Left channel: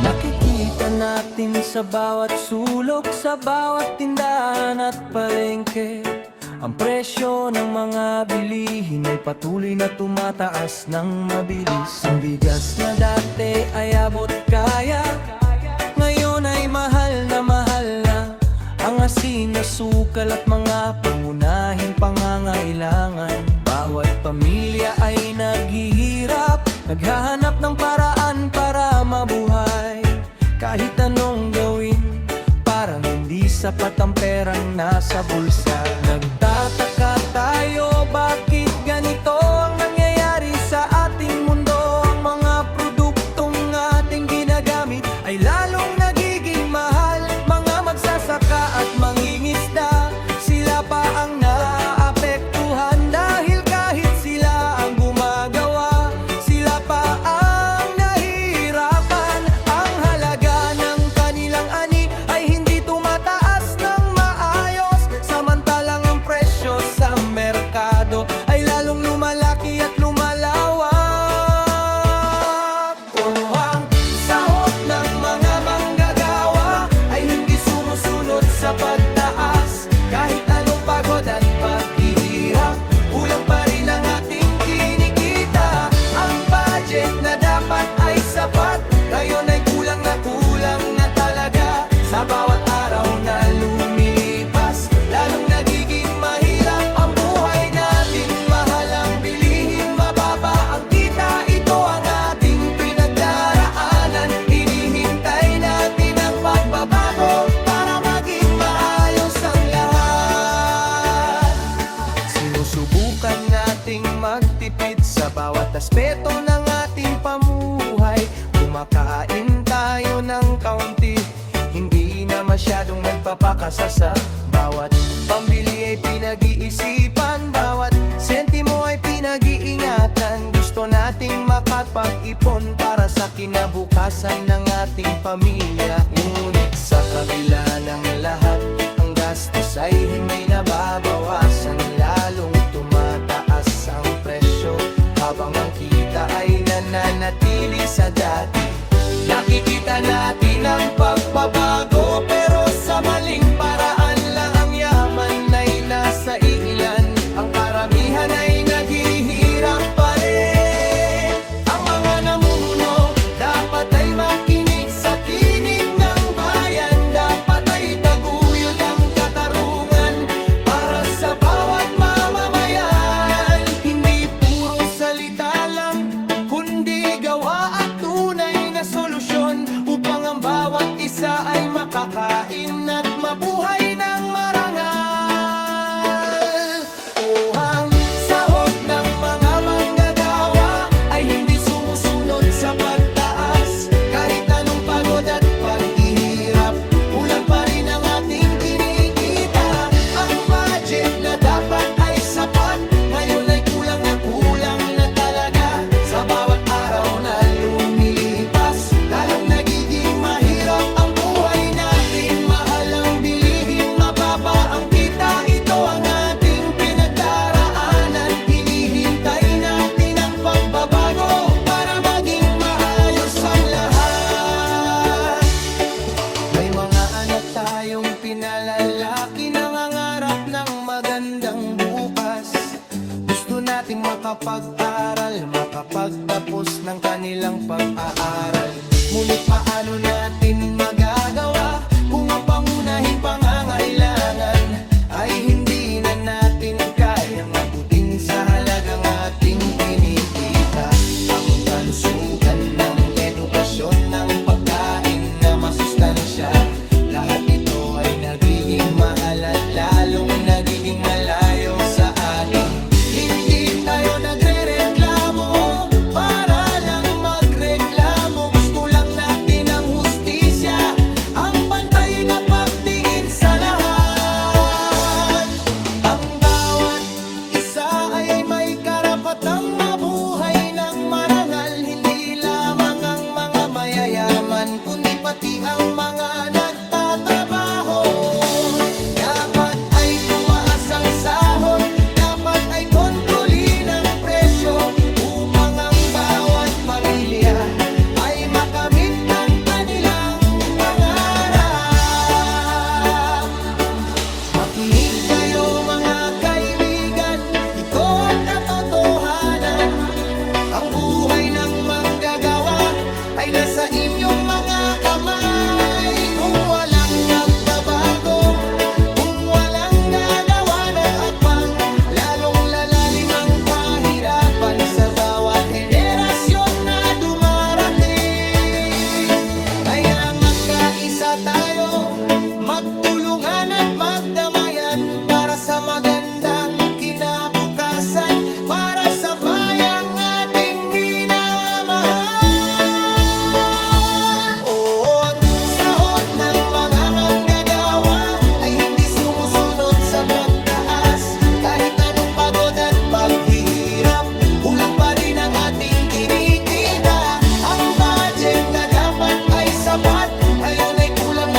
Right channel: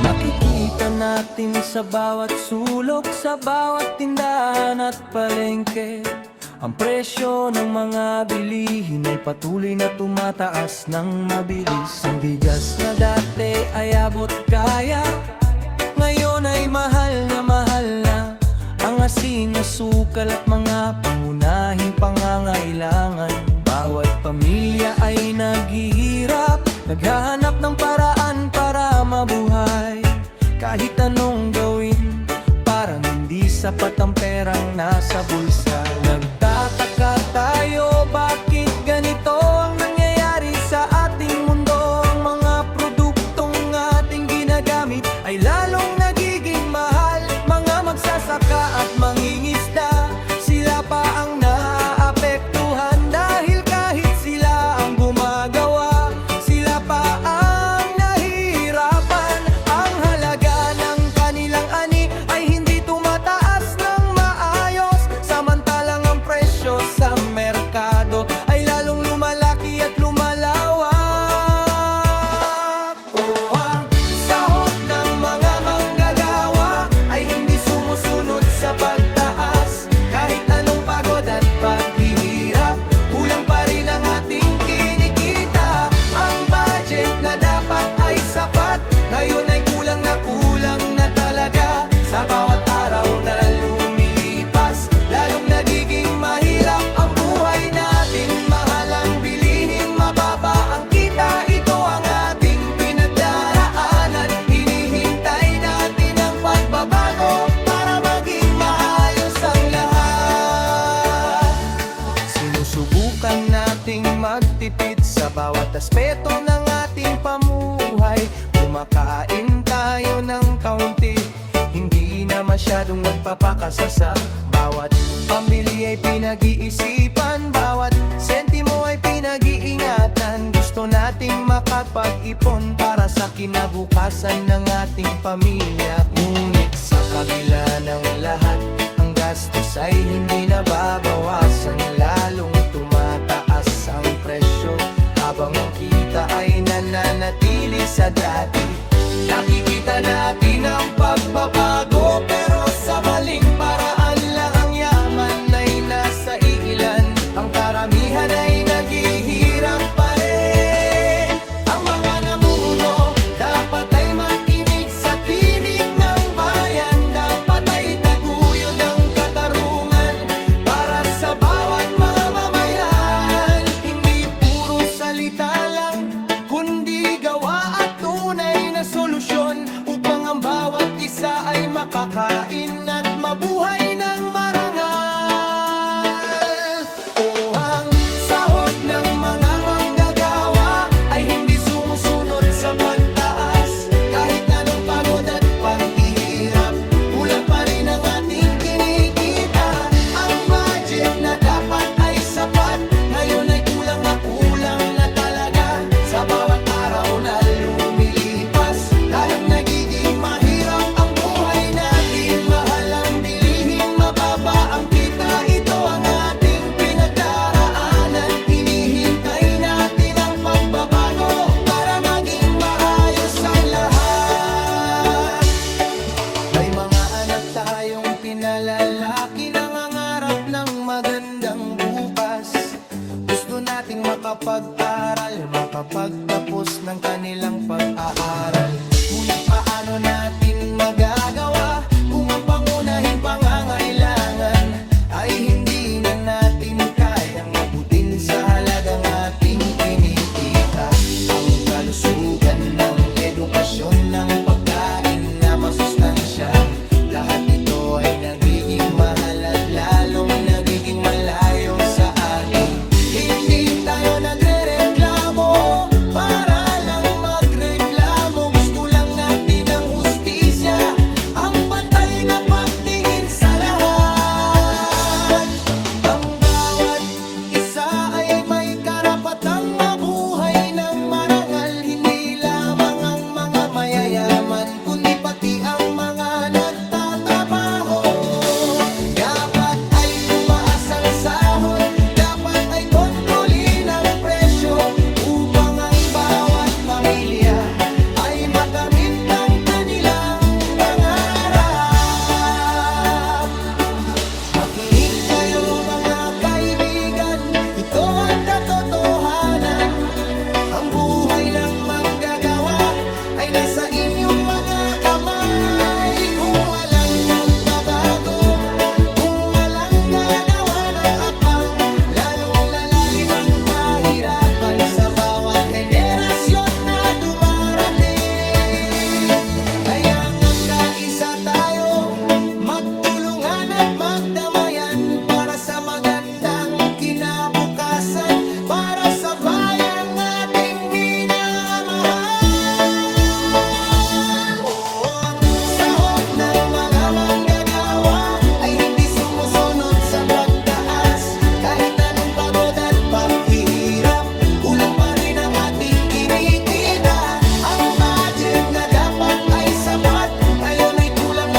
Nakikita natin sa bawat sulok, sa bawat tindahan at palengke, ang presyo ng mga bilihin ay patuloy na tumataas ng mabilis. Ang bigas na dati ay abot kaya, ngayon ay mahal na mahal na. Ang asin, asukal at mga pangunahing pangangailangan, bawat pamilya ay naghihirap, naghahanap ng paraan para mabuhay. Kahit anong gawin, parang hindi sapat ang perang nasa bulsa. Nagtataka tayo, bakit ganito ang nangyayari sa ating mundo? Ang mga produktong ating ginagamit ay lalong nagiging mahal. Mga magsasaka at mangingisda, sila pa ang naapektuhan, dahil kahit sila ang gumagawa, sila pa ang nahihirapan. Ang halaga ng kanilang ani ay hindi tumataas ng maayos, samantalang ang presyo sa merkado ay lalong lumalaki at lumalawak. Oh, ang sahod ng mga manggagawa ay hindi sumusunod sa pagtaas. Kahit anong pagod at paghihirap, kulang pa rin ang ating kinikita. Ang budget na dapat ay sapat, ngayon ay kulang na talaga. Sa bawat araw na lumilipas, lalong nagiging mahirap ang buhay natin. Mahal ang bilihin, mababa ang kita, ito ang ating pinagdaraanan. Hinihintay natin ang pagbabago para maging maayos ang lahat. Sinusubukan nating magtipid sa bawat aspeto ng ating pamuhay. Kumakain tayo ng kaunti, hindi na masyadong nagpapakasasa. Bawat pambili ay pinag-iisipan, bawat sentimo ay pinag-iingatan. Gusto nating makapag-ipon para sa kinabukasan ng ating pamilya. Ngunit sa kabila ng lahat, ang gastos ay hindi nababawasan, lalong tumataas ang presyo, habang ang kita ay nananatili sa dati. Nakikita natin ang pagbabago, pero sa maling paraan lang. Ang yaman ay nasa iilan, ang karamihan ay naghihirap pa rin. Ang mga namumuno dapat ay makinig sa tinig ng bayan, dapat ay taguyod ang katarungan para sa bawat mamamayan. Hindi puro salita lang, kundi gawa at tunay na solusyon, upang ang bawat isa ay makakain at mabuhay ng marangal. O ang sahod ng mga manggagawa ay hindi sumusunod sa pagtaas. Kahit anong pagod at paghihirap, kulang pa rin ang ating kinikita. Ang budget na dapat ay sapat, ngayon ay kulang na talaga. Sa bawat araw na lumilipas, lalong nagiging mahirap ang buhay natin. Mahal ang bilihin, mababa ang kita, ito ang ating pinagdaraanan. Hinihintay natin ang pagbabago para maging maayos ang lahat. May mga anak tayong pinalalaki, nangangarap ng magandang bukas. Gusto nating makapag-aral, makapagtapos ng kanilang pag-aaral. Ngunit paano natin magagawa kung ang pangunahing pangangailangan ay hindi na natin kayang abutin sa halagang ating kinikita? Ang kalusugan ng edukasyon, ng pagkain na masustansya, lahat ito ay nagiging mahal at lalong nagiging malayo sa atin. Hindi tayo nagrereklamo para lang magreklamo, gusto lang natin ang hustisya, ang pantay na pagtingin sa lahat. Ang bawat isa ay may karapatang mabuhay ng marangal, hindi lamang ang mga mayayaman, kundi pati ang mga nagtatrabaho. Dapat ay tumaas ang sahod, dapat ay kontrolin ang presyo, upang ang bawat pamilya ay makamit ang kanilang Ang buhay ng manggagawa ay nasa inyong mga kamay. Kung walang magbabago, kung walang gagawa ng apang, lalong lalalim ang kahirapan sa bawat henerasyon na dumarating. Kaya magkaisa tayo, magtulungan at magdamayan para sa magandang kinabukasan, para sa bayang ating minamahal. Oo, ang sahod ng mga manggagawa ay hindi sumusunod sa pagtaas. Kahit anong pagod at paghihirap, kulang pa rin ang ating kinikita. Ang budget na dapat ay sapat, ngayon ay kulang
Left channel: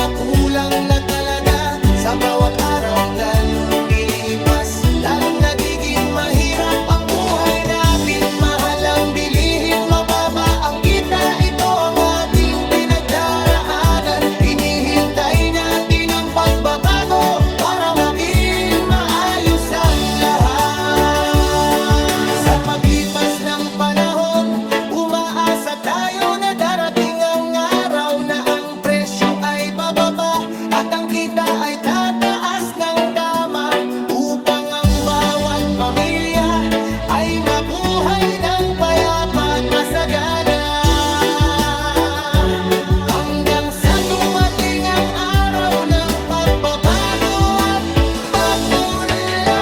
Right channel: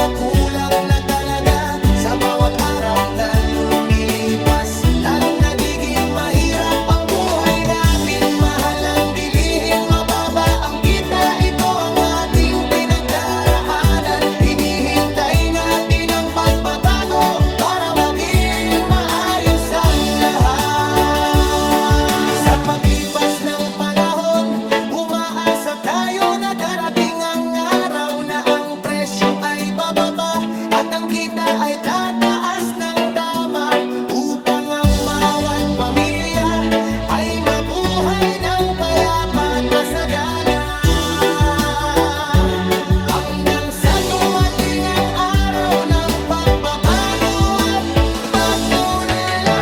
na talaga. Sa bawat araw na lumilipas, lalong nagiging mahirap ang buhay natin. Mahal ang bilihin, mababa ang kita, ito ang ating pinagdaraanan. Hinihintay natin ang pagbabago para maging maayos ang lahat. Sa paglipas ng panahon, umaasa tayo na darating ang araw na ang presyo ay bababa at ang kita ay tataas ng tama, upang ang bawat pamilya ay mabuhay ng payapa at masagana. Hanggang sa dumating ang araw ng pagbabago at pagpunlay.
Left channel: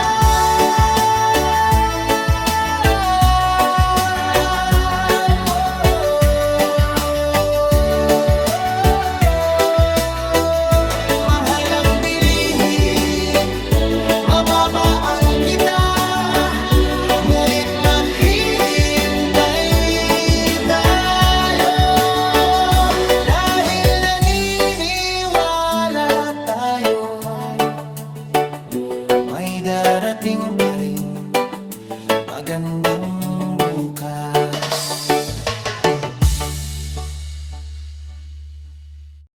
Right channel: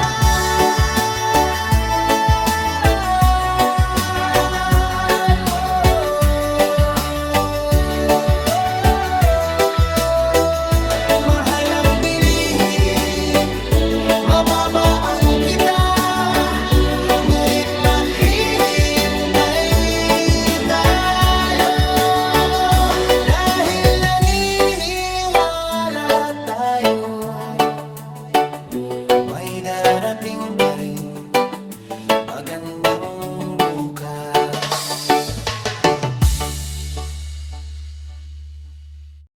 Mahal ang bilihin, mababa ang kita, ngunit maghihintay tayo. Dahil naniniwala tayo, may darating pa rin magandang bukas.